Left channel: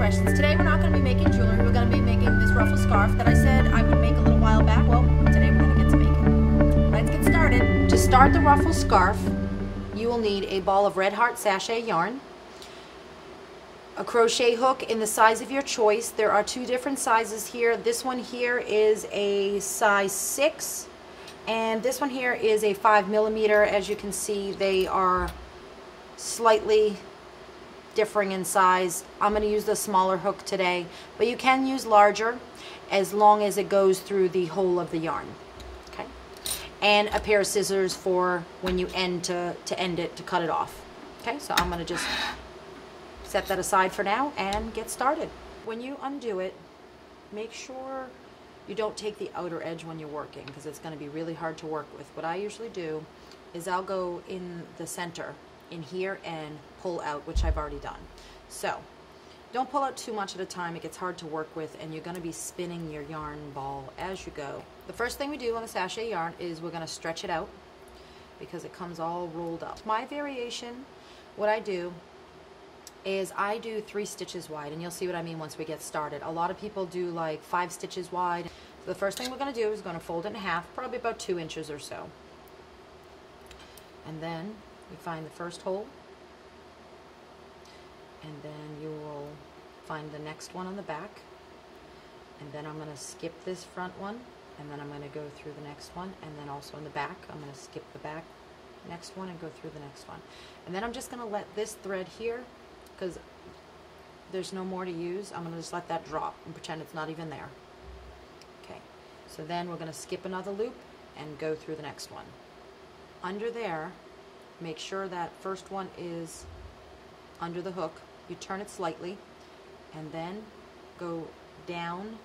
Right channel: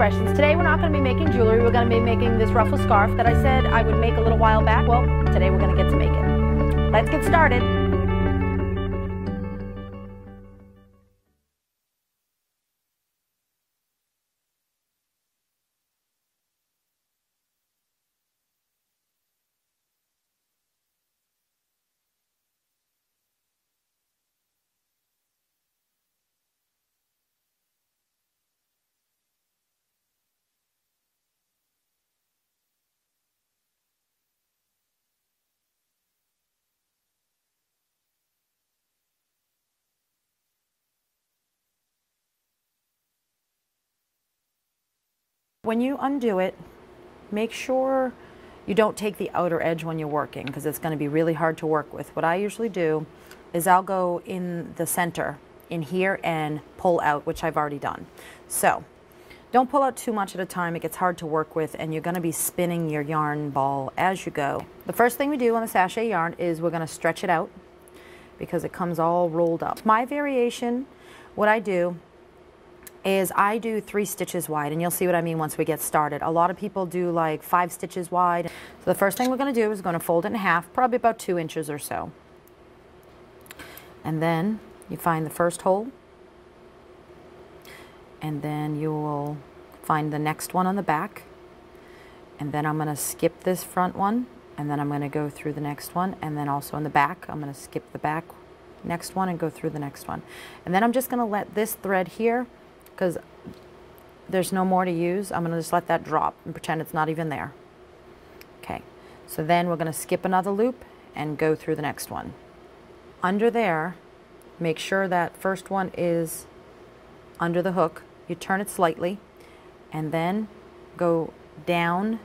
expressions. Today we're not going to be making jewelry. We're going to be making this ruffle scarf that I said I would make a little while back. Well, today we're going to get to make it. Let's get started. To start the ruffle scarf, you will need a ball of Red Heart Sashay Yarn, a crochet hook in the size of your choice. There are two different sizes here. This one here is a size 6, and this one here is a 5mm. As you can see, they are slightly differing in size. I'm going to use the smaller hook today, but you can use larger as long as it goes through the whole of the yarn. Okay, and a pair of scissors for when you end to end it, to cut it off. Okay, so I'm going to just set that aside for now and get started. When you undo it, make sure you don't take the outer edge when you're working, because it's going to be really hard to work with. What I usually do is I'll go in the center in here and pull out, which I've already done. So don't pull out too much at a time. It gets hard to work with, and you're going to be spinning your yarn ball as you go. The first thing we do on the sachet yarn is we're going to stretch it out because it comes all rolled up. My variation, what I do is I do 3 stitches wide, and you'll see what I mean once we get started. A lot of people do like 5 stitches wide. So the first thing we're going to do is we're going to fold it in half, probably about 2 inches or so. And then you find the first hole, and then you will find the next one on the back, and then I'm going to skip this front one, and then I'm going to go through the next one, and then also in the back I'm going to skip the back next one and go through the next one. And then I'm just going to let this thread here, because there's no more to use, I'm going to just let that drop and pretend it's not even there. Okay, so then we're going to skip another loop and go through the next one. Under there, make sure that first one is under the hook. You turn it slightly and then go down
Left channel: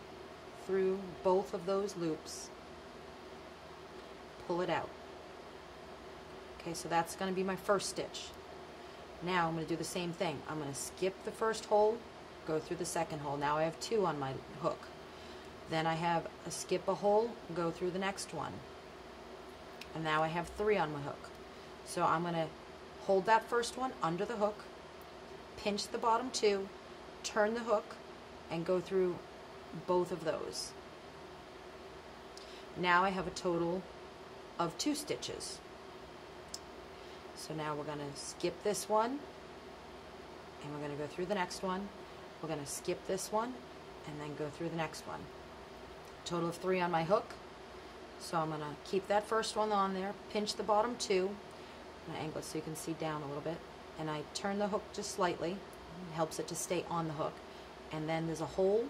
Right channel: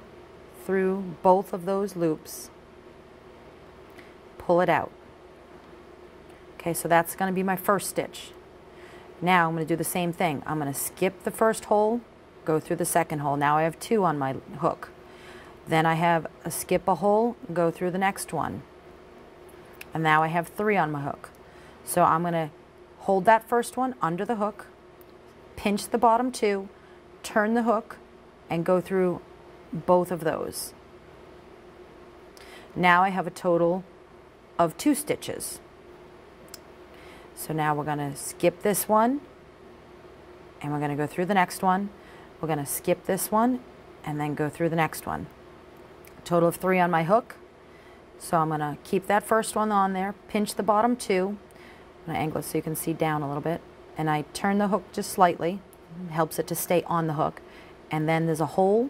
through both of those loops. Pull it out. Okay, so that's going to be my first stitch. Now I'm going to do the same thing. I'm going to skip the first hole, go through the second hole. Now I have 2 on my hook. Then I have a skip a hole, go through the next one. And now I have 3 on my hook. So I'm going to hold that first one under the hook, pinch the bottom 2, turn the hook, and go through both of those. Now I have a total of 2 stitches. So now we're going to skip this one, and we're going to go through the next one. We're going to skip this one, and then go through the next one. Total of 3 on my hook. So I'm going to keep that first one on there, pinch the bottom 2, I'm going to angle it so you can see down a little bit, and I turn the hook just slightly. It helps it to stay on the hook. And then there's a hole,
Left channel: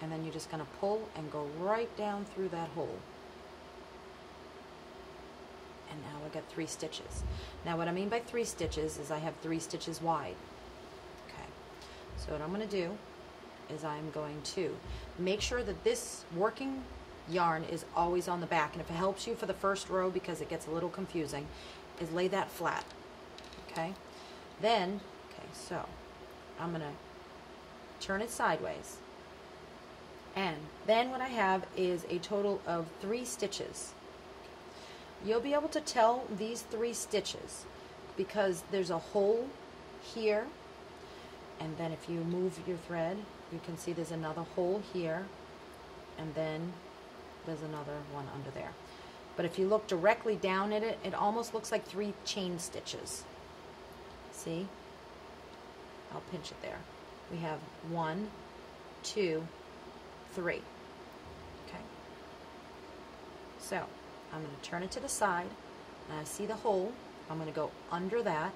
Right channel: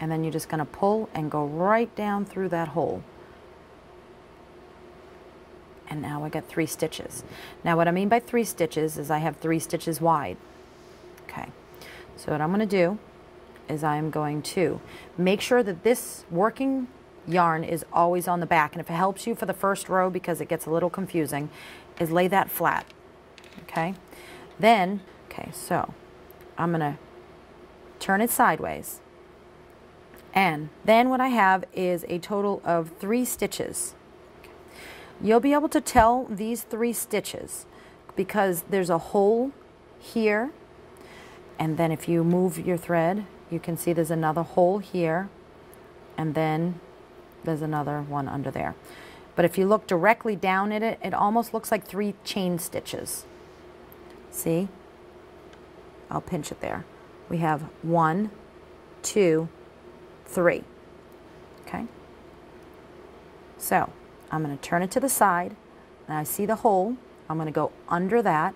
and then you're just going to pull and go right down through that hole. And now I got 3 stitches. Now what I mean by 3 stitches is I have 3 stitches wide. Okay, so what I'm going to do is I'm going to make sure that this working yarn is always on the back, and if it helps you for the first row, because it gets a little confusing, is lay that flat. Okay, then so I'm gonna turn it sideways, and then what I have is a total of 3 stitches. You'll be able to tell these 3 stitches because there's a hole here, and then if you move your thread you can see there's another hole here, and then there's another one under there. But if you look directly down at it, it almost looks like 3 chain stitches. See? I'll pinch it there. We have 1, 2, 3. Okay? So I'm going to turn it to the side, and I see the hole. I'm going to go under that.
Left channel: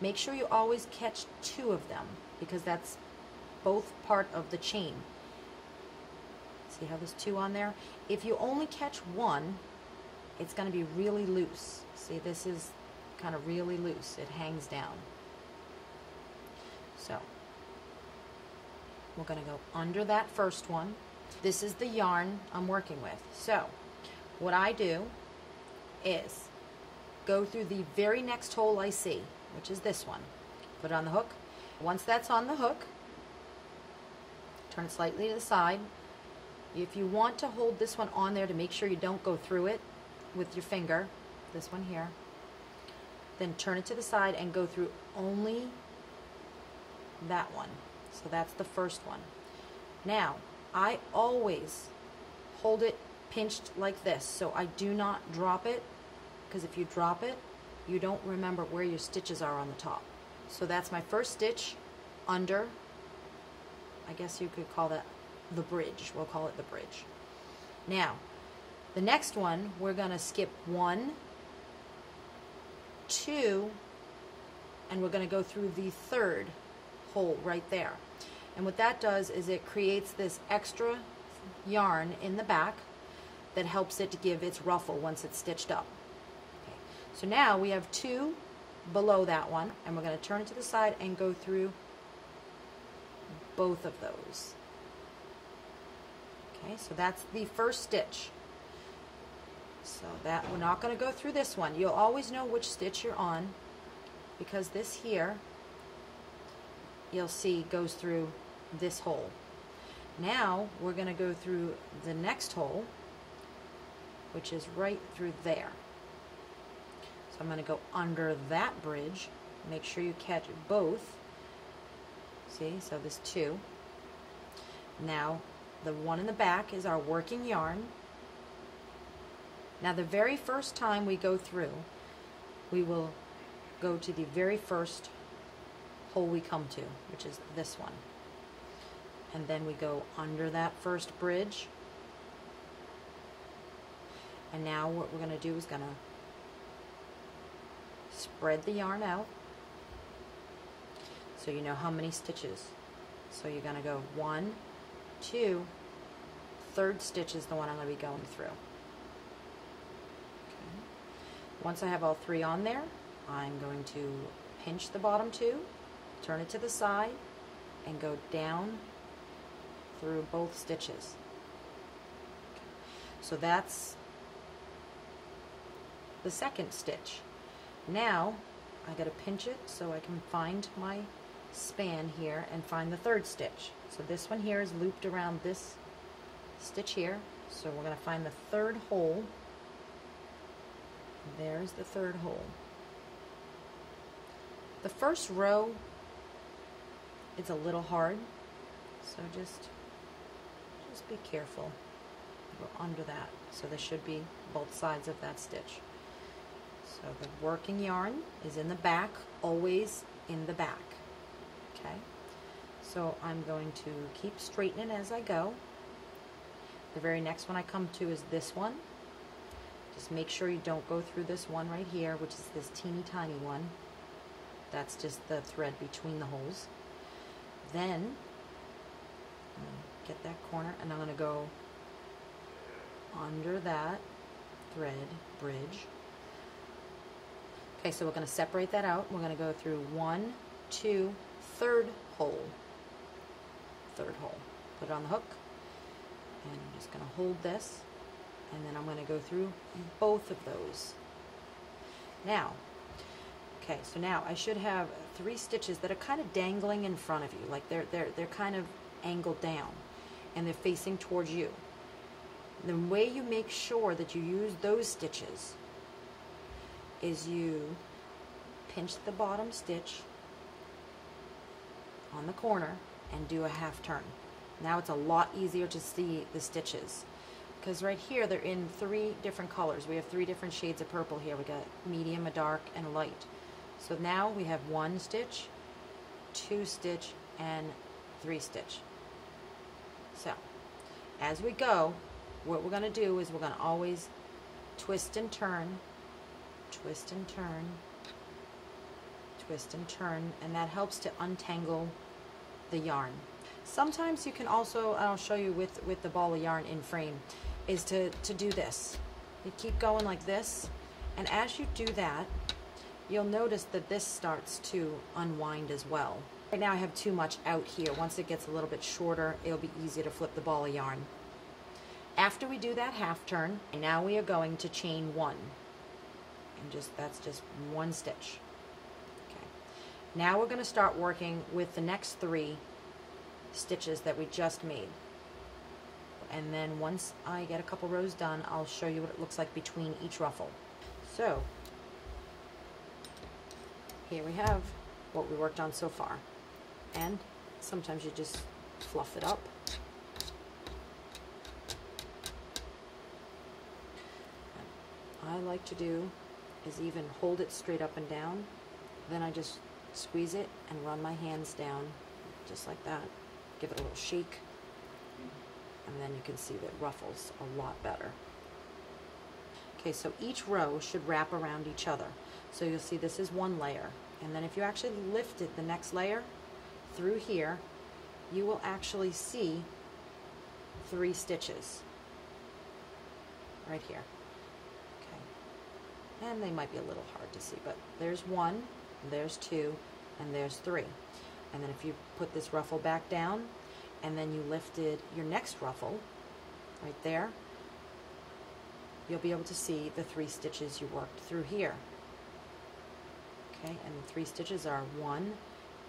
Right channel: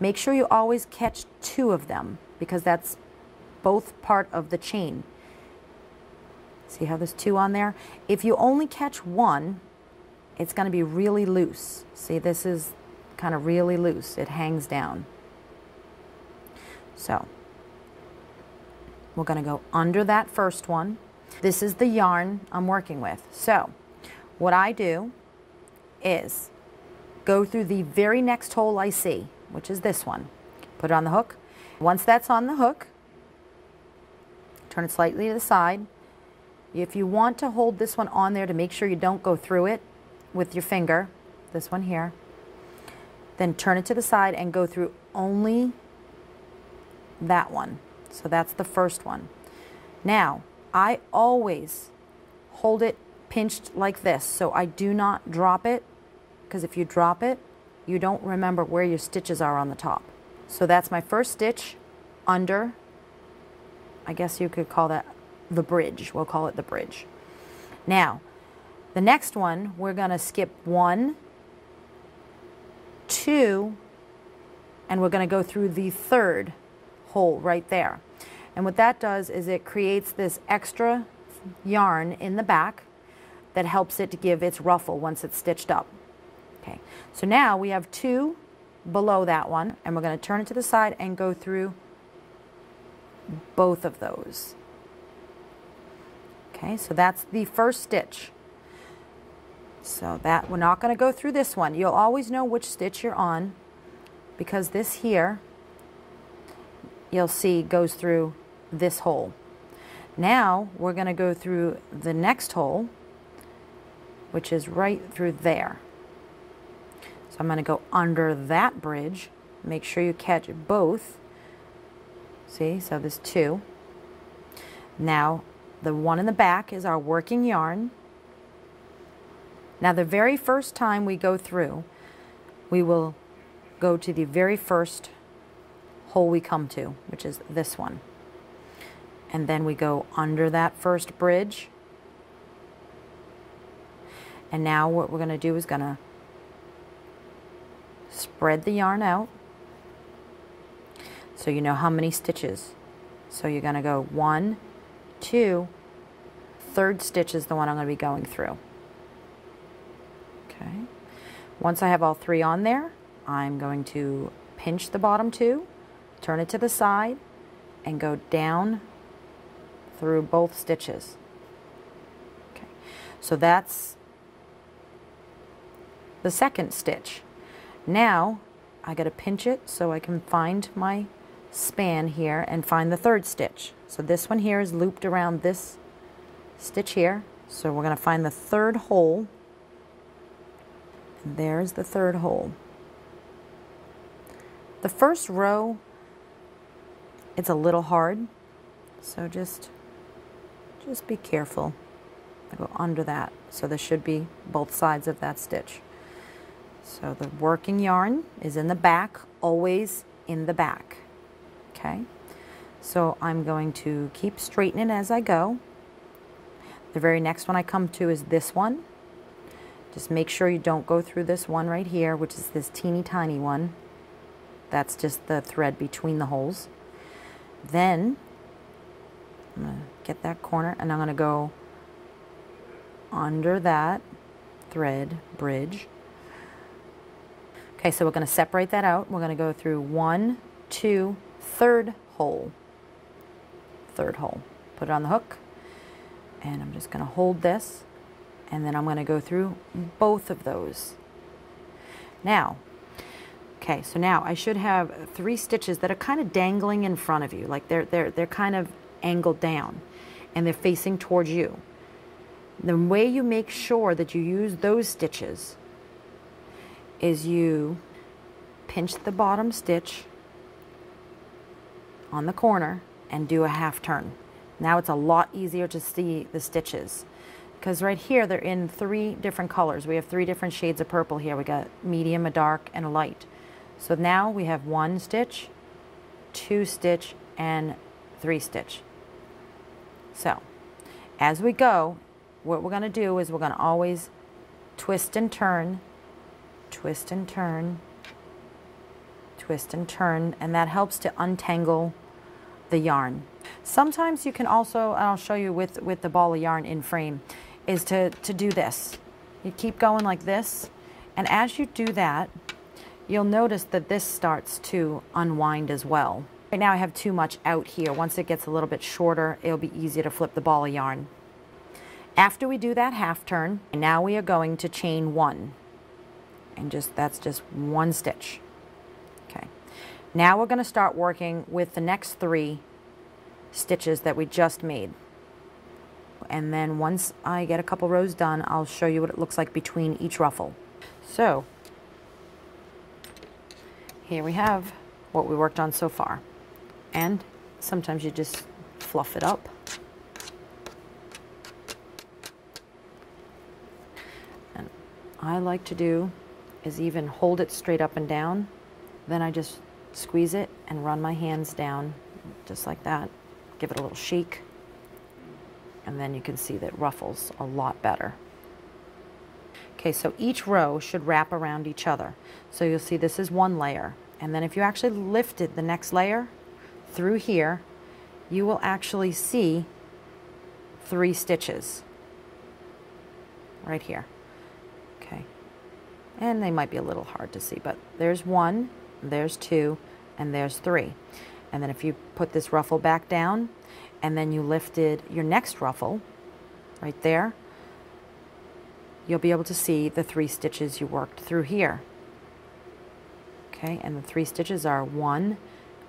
Make sure you always catch 2 of them, because that's both part of the chain. See how there's 2 on there? If you only catch 1, it's going to be really loose. See, this is kind of really loose. It hangs down. So we're going to go under that first one. This is the yarn I'm working with. So what I do is go through the very next hole I see, which is this one. Put it on the hook. Once that's on the hook, turn it slightly to the side. If you want to hold this one on there to make sure you don't go through it with your finger, this one here, then turn it to the side and go through only that one. So that's the first one. Now, I always hold it pinched like this, so I do not drop it, because if you drop it, you don't remember where your stitches are on the top. So that's my first stitch under, I guess you could call that the bridge. We'll call it the bridge. Now, the next one, we're going to skip 1, 2, and we're going to go through the third hole right there. And what that does is it creates this extra yarn in the back that helps it to give its ruffle once it's stitched up. Okay, so now we have 2 below that one, and we're going to turn it to the side and go through both of those. Okay, so that's the first stitch. So that we're not going to go through this one. You'll always know which stitch you're on, because this here, you'll see, goes through this hole. Now we're going to go through the next hole, which is right through there. So I'm going to go under that bridge. Make sure you catch both. See, so there's 2. Now the one in the back is our working yarn. Now the very first time we go through, we will go to the very first hole we come to, which is this one. And then we go under that first bridge. And now what we're going to do is going to spread the yarn out so you know how many stitches. So you're going to go 1, 2, third stitch is the one I'm going to be going through. Okay. Once I have all 3 on there, I'm going to pinch the bottom 2, turn it to the side, and go down through both stitches. Okay. So that's the second stitch. Now I got to pinch it so I can find my span here and find the third stitch. So this one here is looped around this stitch here. So we're going to find the third hole. And there's the third hole. The first row, it's a little hard, so just be careful. I go under that, so there should be both sides of that stitch. So the working yarn is in the back, always in the back. Okay, so I'm going to keep straightening as I go. The very next one I come to is this one. Just make sure you don't go through this one right here, which is this teeny tiny one. That's just the thread between the holes. Then I'm going to get that corner, and I'm going to go under that thread bridge. Okay, so we're going to separate that out. We're going to go through 1, 2, third hole. Third hole. Put it on the hook, and I'm just going to hold this, and then I'm going to go through both of those. Now, okay, so now I should have 3 stitches that are kind of dangling in front of you, like they're kind of angled down, and they're facing towards you. The way you make sure that you use those stitches is you pinch the bottom stitch on the corner and do a half turn. Now it's a lot easier to see the stitches, because right here they're in 3 different colors. We have 3 different shades of purple here. We got medium, a dark, and a light. So now we have 1 stitch, 2 stitch, and 3 stitch. So as we go, what we're going to do is we're going to always twist and turn, twist and turn, twist and turn, and that helps to untangle the yarn. Sometimes you can also, and I'll show you with the ball of yarn in frame, is to do this. You keep going like this, and as you do that, you'll notice that this starts to unwind as well. Right now I have too much out here. Once it gets a little bit shorter, it'll be easier to flip the ball of yarn. After we do that half turn, now we are going to chain 1. And that's just 1 stitch. Okay. Now we're going to start working with the next 3 stitches that we just made. And then once I get a couple rows done, I'll show you what it looks like between each ruffle. So here we have what we worked on so far. And sometimes you just fluff it up. And I like to do is even hold it straight up and down. Then I just squeeze it and run my hands down just like that. Give it a little shake. And then you can see that ruffles a lot better. Okay, so each row should wrap around each other. So you'll see this is one layer. And then if you actually lifted the next layer through here, you will actually see 3 stitches right here. Okay, and they might be a little hard to see, but there's 1, there's 2, and there's 3. And then if you put this ruffle back down and then you lifted your next ruffle right there, you'll be able to see the 3 stitches you worked through here. Okay, and the 3 stitches are 1,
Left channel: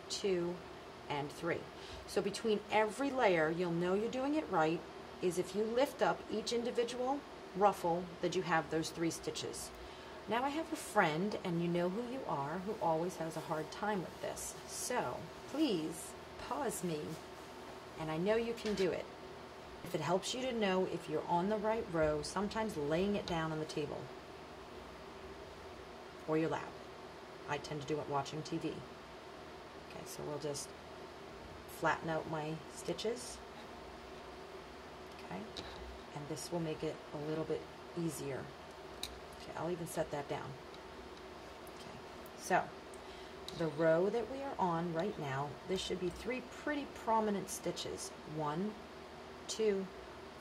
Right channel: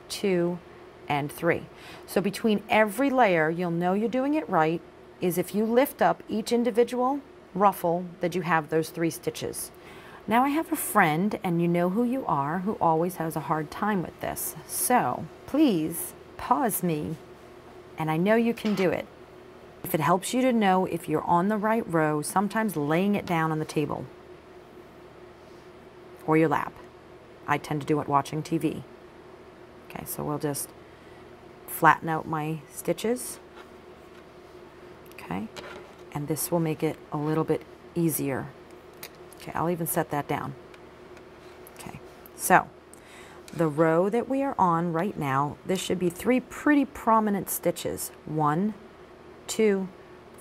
2, and 3. So between every layer, you'll know you're doing it right is if you lift up each individual ruffle that you have those 3 stitches. Now I have a friend, and you know who you are, who always has a hard time with this. So please pause me, and I know you can do it. If it helps you to know if you're on the right row, sometimes laying it down on the table or your lap. I tend to do it watching TV. Okay, so we'll just flatten out my stitches. Okay, and this will make it a little bit easier. Okay, I'll even set that down. Okay, so the row that we are on right now, this should be 3 pretty prominent stitches. 1, 2,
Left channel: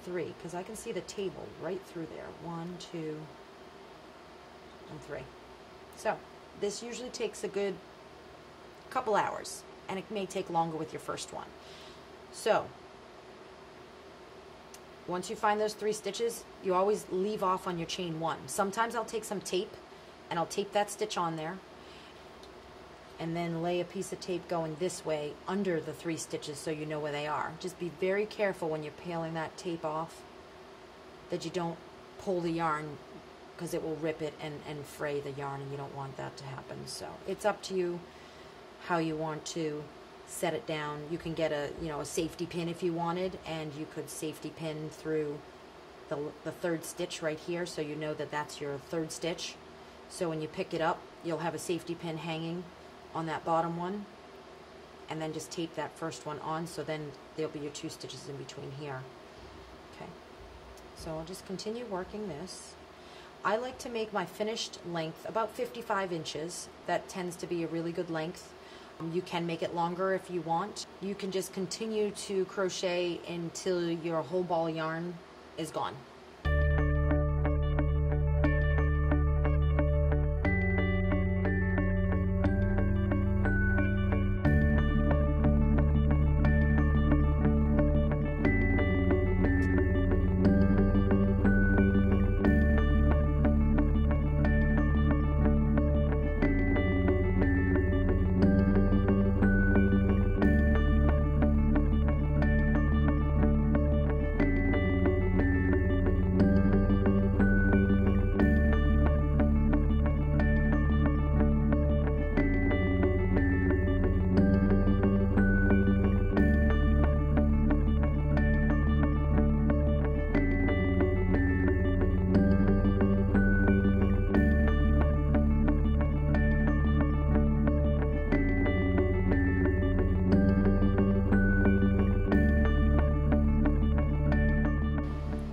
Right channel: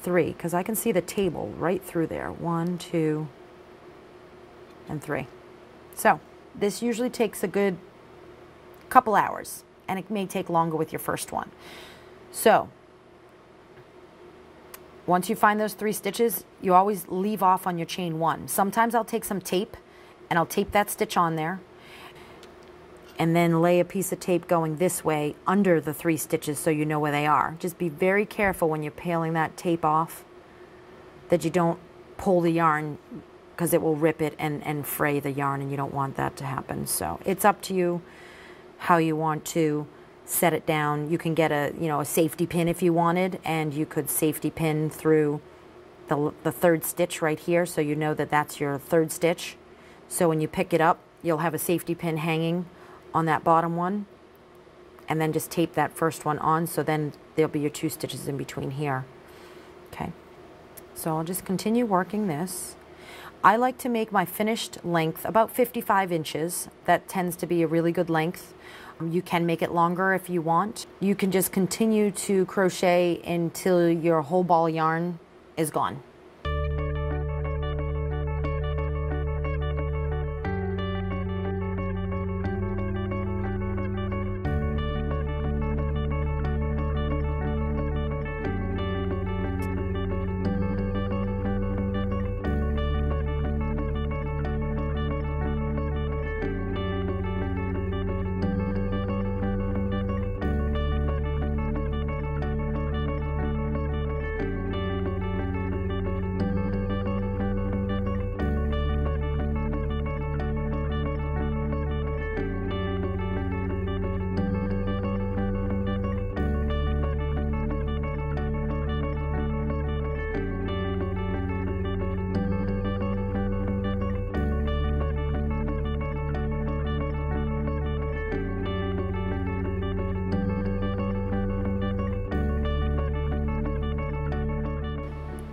3, because I can see the table right through there. 1, 2, and 3. So this usually takes a good couple hours, and it may take longer with your first one. So once you find those 3 stitches, you always leave off on your chain 1. Sometimes I'll take some tape and I'll tape that stitch on there and then lay a piece of tape going this way under the 3 stitches so you know where they are. Just be very careful when you're peeling that tape off that you don't pull the yarn, because it will rip it and fray the yarn, and you don't want that to happen. So it's up to you how you want to set it down. You can get a safety pin if you wanted, and you could safety pin through the 3rd stitch right here, so you know that that's your 3rd stitch. So when you pick it up, you'll have a safety pin hanging on that bottom one, and then just tape that first one on, so then there'll be your 2 stitches in between here. Okay, so I'll just continue working this. I like to make my finished length about 55 inches. That tends to be a really good length. You can make it longer if you want. You can just continue to crochet until your whole ball of yarn is gone.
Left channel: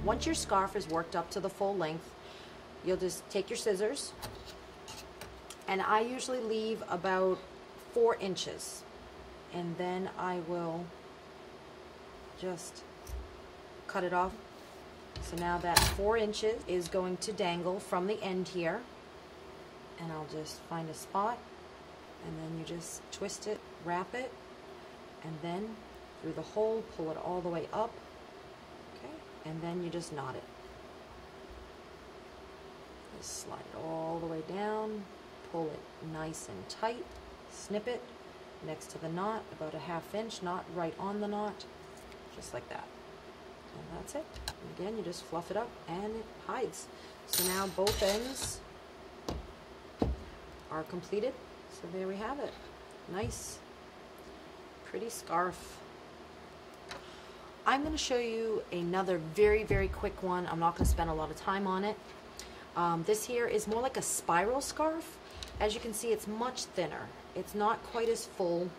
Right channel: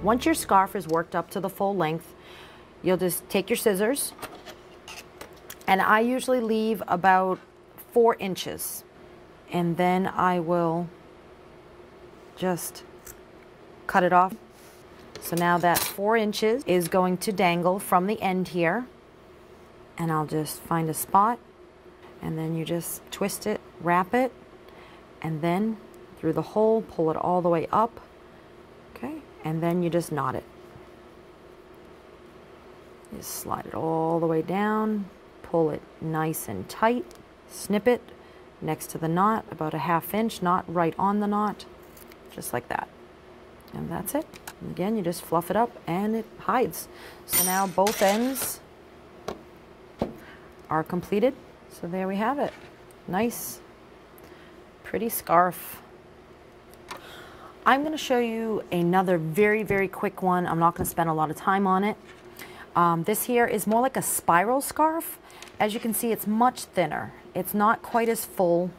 Once your scarf is worked up to the full length, you'll just take your scissors, and I usually leave about 4 inches, and then I will just cut it off. So now that 4 inches is going to dangle from the end here, and I'll just find a spot, and then you just twist it, wrap it, and then through the hole, pull it all the way up. Okay, and then you just knot it. Just slide it all the way down, pull it nice and tight, snip it next to the knot, about a 1/2 inch knot right on the knot, just like that. And that's it. And again, you just fluff it up and it hides. So now both ends are completed. So there we have it. Nice, pretty scarf. I'm going to show you another very, very quick one. I'm not going to spend a lot of time on it. This here is more like a spiral scarf. As you can see, it's much thinner. It's not quite as full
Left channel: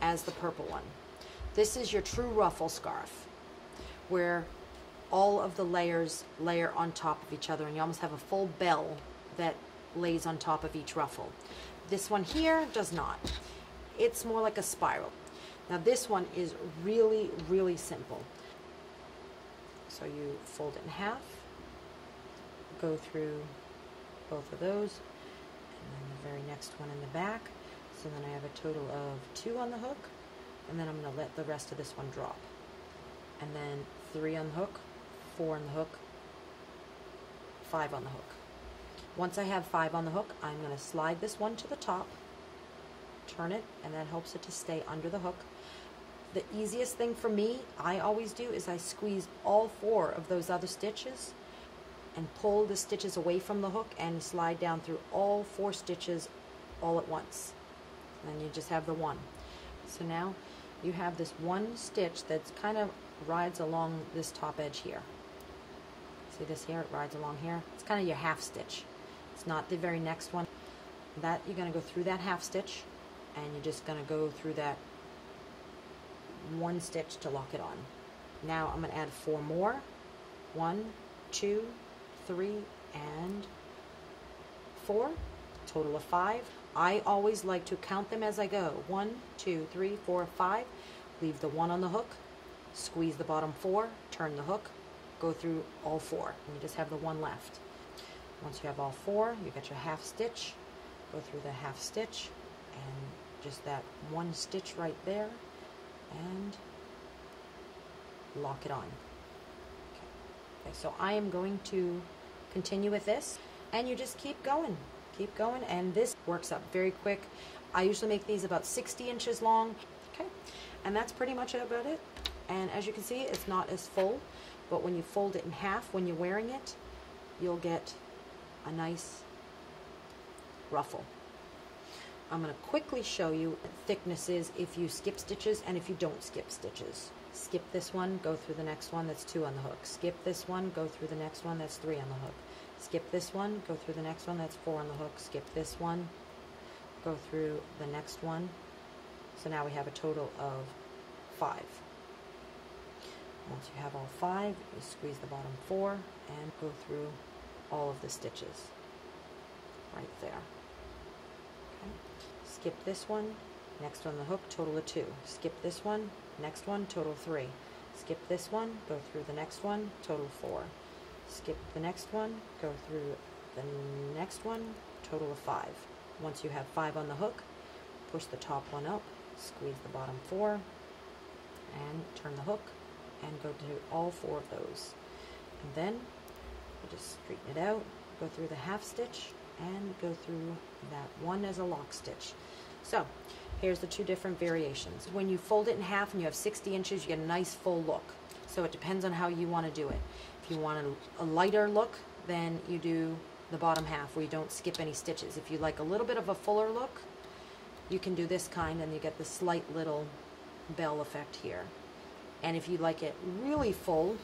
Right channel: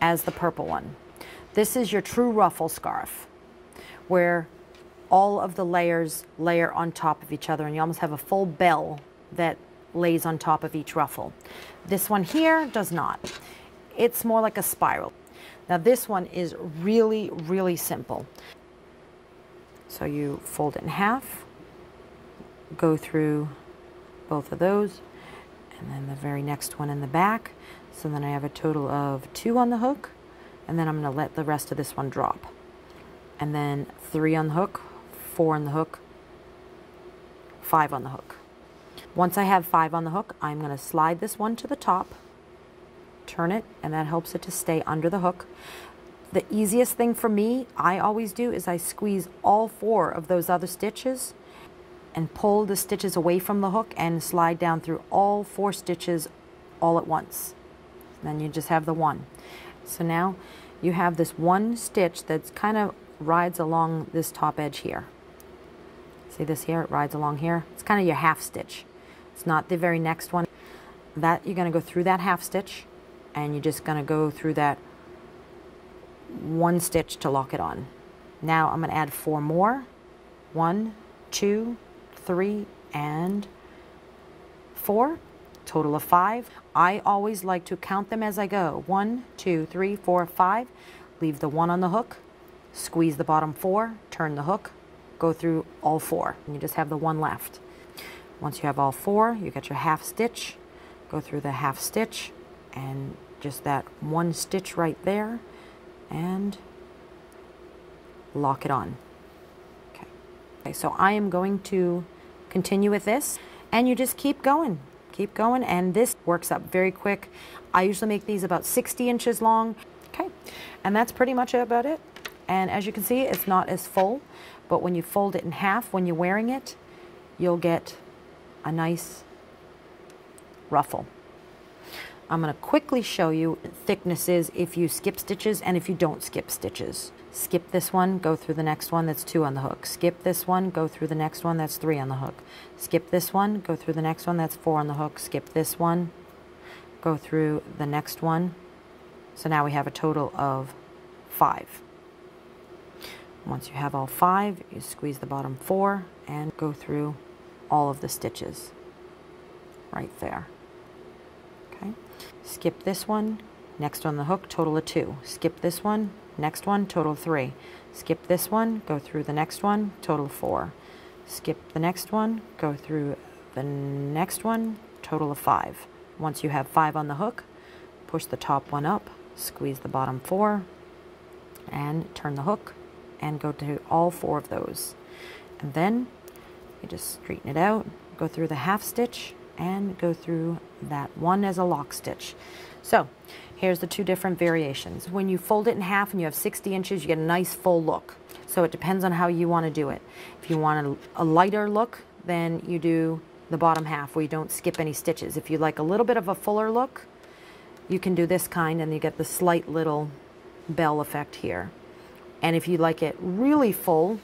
as the purple one. This is your true ruffle scarf, where all of the layers layer on top of each other, and you almost have a full bell that lays on top of each ruffle. This one here does not. It's more like a spiral. Now this one is really, really simple. So you fold it in half, go through both of those, and then the very next one in the back. So then I have a total of 2 on the hook, and then I'm going to let the rest of this one drop. And then 3 on the hook, 4 on the hook, 5 on the hook. Once I have 5 on the hook, I'm going to slide this one to the top, turn it, and that helps it to stay under the hook. The easiest thing for me, I always do, is I squeeze all 4 of those other stitches and pull the stitches away from the hook and slide down through all 4 stitches all at once. Then you just have the one. So now you have this one stitch that's kind of rides along this top edge here. See this here? It rides along here. It's kind of your half stitch. It's not the very next one. That you're going to go through that half stitch, and you're just going to go through that one stitch to lock it on. Now I'm going to add 4 more. 1, 2, 3, and 4. Total of 5. I always like to count them as I go. 1, 2, 3, 4, 5. Leave the 1 on the hook. Squeeze the bottom 4. Turn the hook. Go through all 4. And you just have the 1 left. Once you have all 4, you get your half stitch. Go through the half stitch and just that 1 stitch right there, and lock it on. Okay, so I am going to continue with this, and you just keep going, and this works up very quick. I usually make these about 60 inches long. Okay, and that's pretty much about it. And as you can see, it's not as full, but when you fold it in half, when you're wearing it, you'll get a nice ruffle. I'm going to quickly show you thicknesses if you skip stitches and if you don't skip stitches. Skip this one, go through the next one, that's 2 on the hook. Skip this one, go through the next one, that's 3 on the hook. Skip this one, go through the next one, that's 4 on the hook. Skip this one, go through the next one. So now we have a total of 5. Once you have all 5, you squeeze the bottom 4 and go through all of the stitches right there. Okay. Skip this one, next on the hook, total of 2. Skip this one, next one, total of 3. Skip this one, go through the next one, total of 4. Skip the next one, go through the next one, total of 5. Once you have 5 on the hook, push the top one up, squeeze the bottom 4, and turn the hook, and go to all 4 of those. And then you just straighten it out, go through the half stitch, and go through that one as a lock stitch. So here's the 2 different variations. When you fold it in half and you have 60 inches, you get a nice full look. So it depends on how you want to do it. If you want a lighter look, then you do the bottom half where you don't skip any stitches. If you like a little bit of a fuller look, you can do this kind, and you get the slight little bell effect here. And if you like it really full,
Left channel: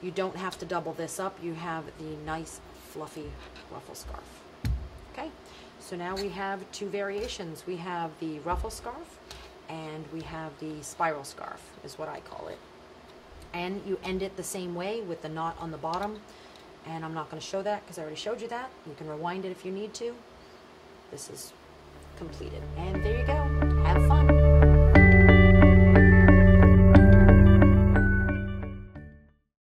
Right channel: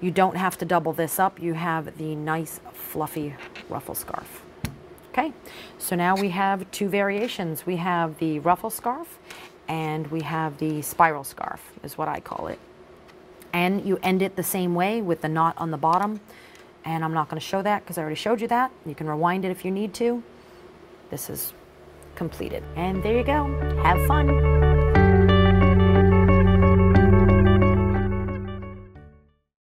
you don't have to double this up. You have the nice fluffy ruffle scarf. Okay, so now we have 2 variations. We have the ruffle scarf, and we have the spiral scarf, is what I call it. And you end it the same way with the knot on the bottom. And I'm not going to show that because I already showed you that. You can rewind it if you need to. This is completed. And there you go.